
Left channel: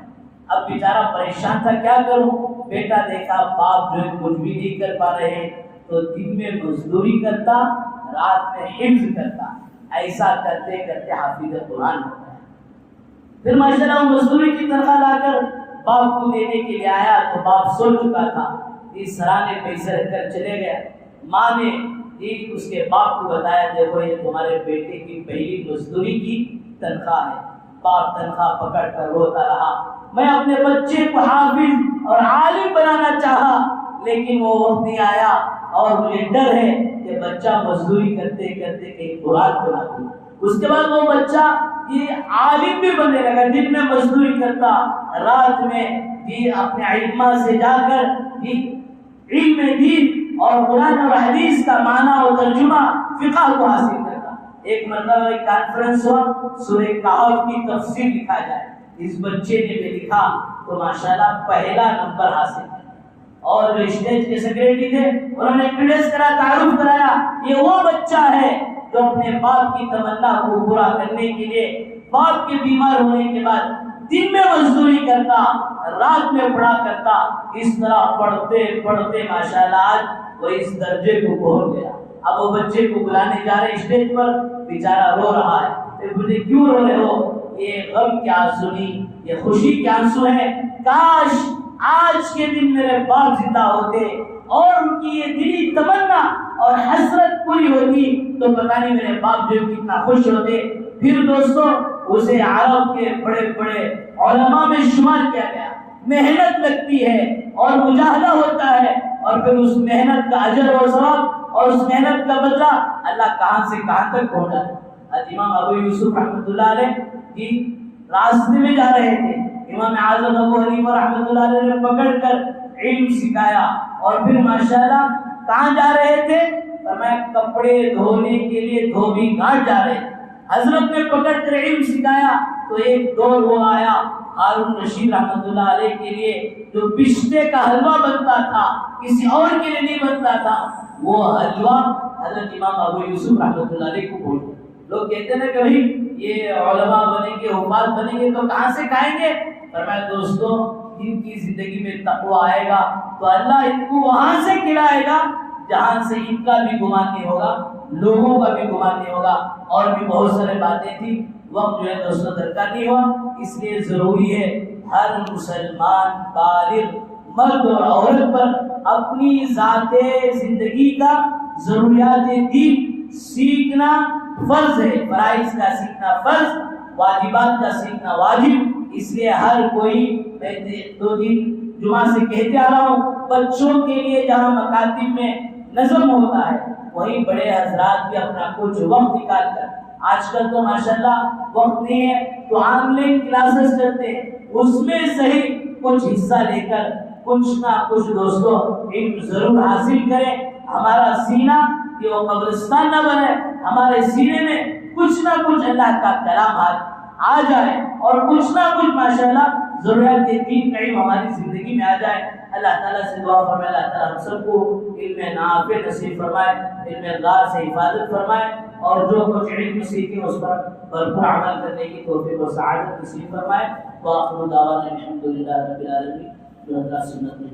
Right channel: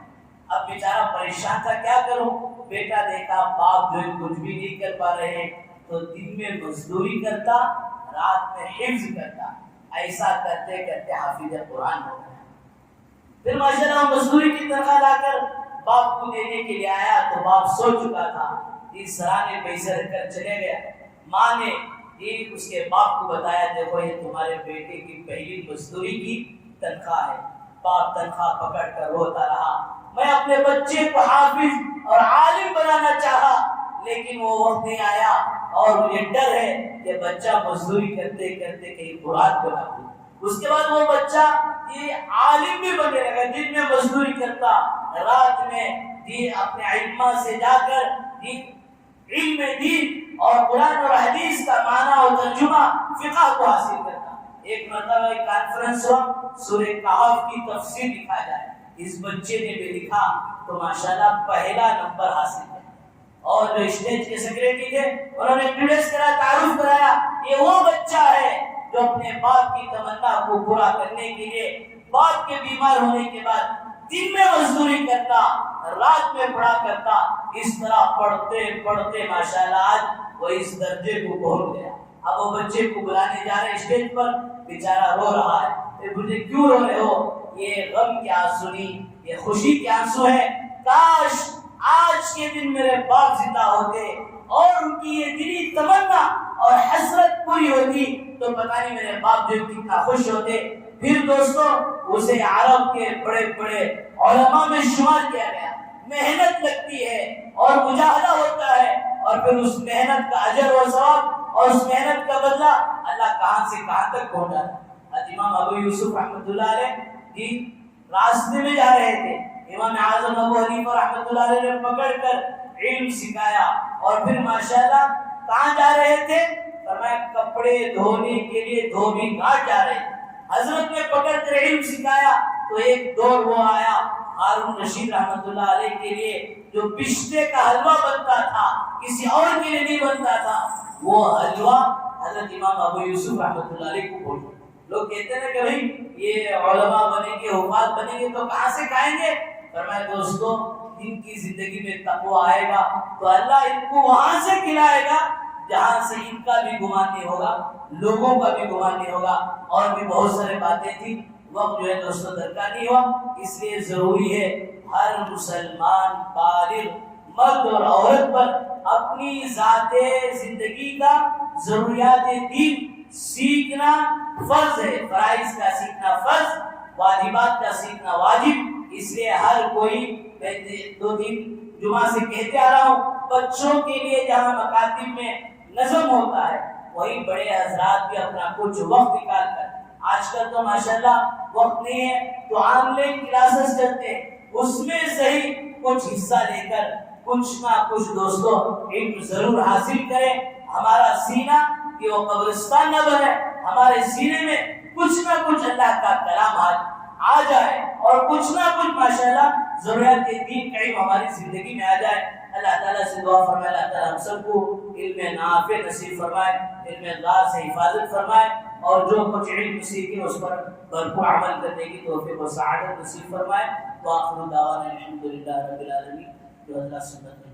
اب بیچارہ پریشان تھا، کیا کروں؟ بیٹا دیکھا باپ جو کچھ بھی نہیں کر پا رہے ہیں تو دن میں مزدوری کرتا، رات میں حفظ کرتا، ایسا کرتے کرتے حافظ قرآن ہو گیا۔ پھر ماشاءاللہ مزدوری کی تنخواہ لا کر باپ کو دینے کے لیے آیا تو باپ سو چکا تھا، اس سرانے پیسے رکھ کر چلے گیا۔ ماں نے اس کے باپ کو بتایا، دیکھو یہ تمہارے بیٹے کی پہلی مزدوری کی تنخواہ ہے۔ باپ تنخواہ پکڑ کر روتا رہا، میں اپنے بچے کو حافظ اور عالم بنانا چاہا، لیکن وہ وقت نہیں آیا، اور مجھے ڈر ہے کہ بچہ مزدوری کرتے کرتے کہیں قرآن بنا دے۔ اس کے بعد وہ بچہ یہ عالم بھی بننے لگا، دن میں مزدوری کرتا، رات میں اپنے علماء سے جا کر علم دین اور قرآن اور حدیث کا معنی اور ترجمہ فقہ کو حاصل کرتا۔ ایک مرتبہ ایک کانفرنس ہوا، سورہ کہف کی تفسیر لکھا جائے، اس بچے نے بھی لکھا تو ماشاءاللہ پہلا نمبر حاصل ہے۔ اور جو اسٹیج کے سیکریٹری تھے انہوں نے انٹروڈیوس کرا، تعارف کرایا، یہ وہ بچہ ہے جو اپنے باپ کی تمنا کو پورا کرنے کے لیے باپ کے بیمار ہونے کے بعد دن میں مزدوری کرتا، رات میں پڑھا کرتا۔ اس طرح پڑھتے پڑھتے ماشاءاللہ آج وہ اس درجے کو پہنچ گیا۔ اب وہ بچے کو بلانے جا رہے اسٹیج پر، بیچارہ رو رہا ہے، پھر مجھے کیوں رو رہے ہو؟ یہ غم کے آنسو نہیں، یہ خوشی کے آنسو ہے۔ کاش آج کے دن میرے باپ زندہ ہوتے اور ان کی یہ دلی تمنا اور حسرت پوری ہوتی تو پتہ نہیں میرے باپ جو کتنا خوش ہوتے۔ پھر دوستوں اسے عرب کے بڑے بڑے علماء میں شمار کیا گیا، محنت لگتی ہے اور مجاہدہ ہوتا ہے، اور پھر اس محنت کا اجر و ثواب اور اس محنت کا بدلہ اللہ کہاں سے کہاں تک پہنچا ہے۔ امام ابو یوسف رحمۃ اللہ علیہ کی راستے میں جا رہے تھے، امام اعظم ابو حنیفہ رحمۃ اللہ علیہ نے پکڑ کر علم سکھایا، اور پھر ماشاءاللہ کہاں جا رہے تھے؟ فرمایا کپڑے دھونے کے لیے دھوبی گھاٹ جا رہے تھے۔ حضرت نے پکڑ کر علم سکھایا تو ایک دور وہ آیا ہارون رشید رحمۃ اللہ علیہ کے لیے جو پشتے کا حلوہ بنتا تھا، کسی اور کے لیے نہیں بنتا تھا، وہ حلوہ حضرت امام ابو یوسف رحمۃ اللہ علیہ کو بولتے۔ لوگ کہتے ہیں کہ بھائی یہ علماء بنیں گے، حفاظ بنیں گے تو کہاں سے کھائیں گے؟ فرمایا دوستو ان کی زندگی میں تقویٰ آئے گا تو اللہ ان کو وہاں سے کھلائے گا جہاں سے ان کا بھی گمان نہیں ہوگا، لوگوں کا بھی گمان نہیں ہوگا۔ اور بھی بہت سارے باتیں تھیں، وقت جو ہے دوستوں درکار نہیں ہوا، اس لیے ضروری ہے ہر مسلمان بالغ مرد اور عورت پر اپنی ذات زندگی کا ضروریات دین سیکھنا فرض ہے، فرائض کا سیکھنا فرض، واجبات کا سیکھنا واجب۔ اس لیے ہر کوئی، میں 2-3 جمعہ سے کہتے آ رہا ہوں، بچوں کے لیے جہاں مکاتب میں نظم ہوتا ہے وہی بڑے حضرات بھی اپنا کچھ وقت نکال کر، آج کل تو ماشاءاللہ وقت نہیں ہے تو آن لائن کلاسز چلتے ہیں، اس میں صحیح کچھ حصہ لے کر کچھ نہ کچھ دوستوں علم ضرور حاصل کریں۔ ہمارا سینہ کہ وہ قبرستان نہ بنے، ہمارے سینے میں کچھ نہ کچھ اللہ کا کلام آ جائے اور کچھ نہ کچھ ماشاءاللہ ضروریات دین کا علم ہماری زندگی میں آ جائے۔ اللہ تعالیٰ سے دعا فرمائے اللہ تعالیٰ ہم سب کو علم نافع نصیب فرمائے، علم اللہ سے حفاظت فرمائے، اور جو کچھ علم سیکھے اس پر بھرپور عمل کرنے کی توفیق و سعادت نصیب فرمائے۔ وآخر دعوانا الحمدللہ رب العالمین۔ جو اللہ سنت میں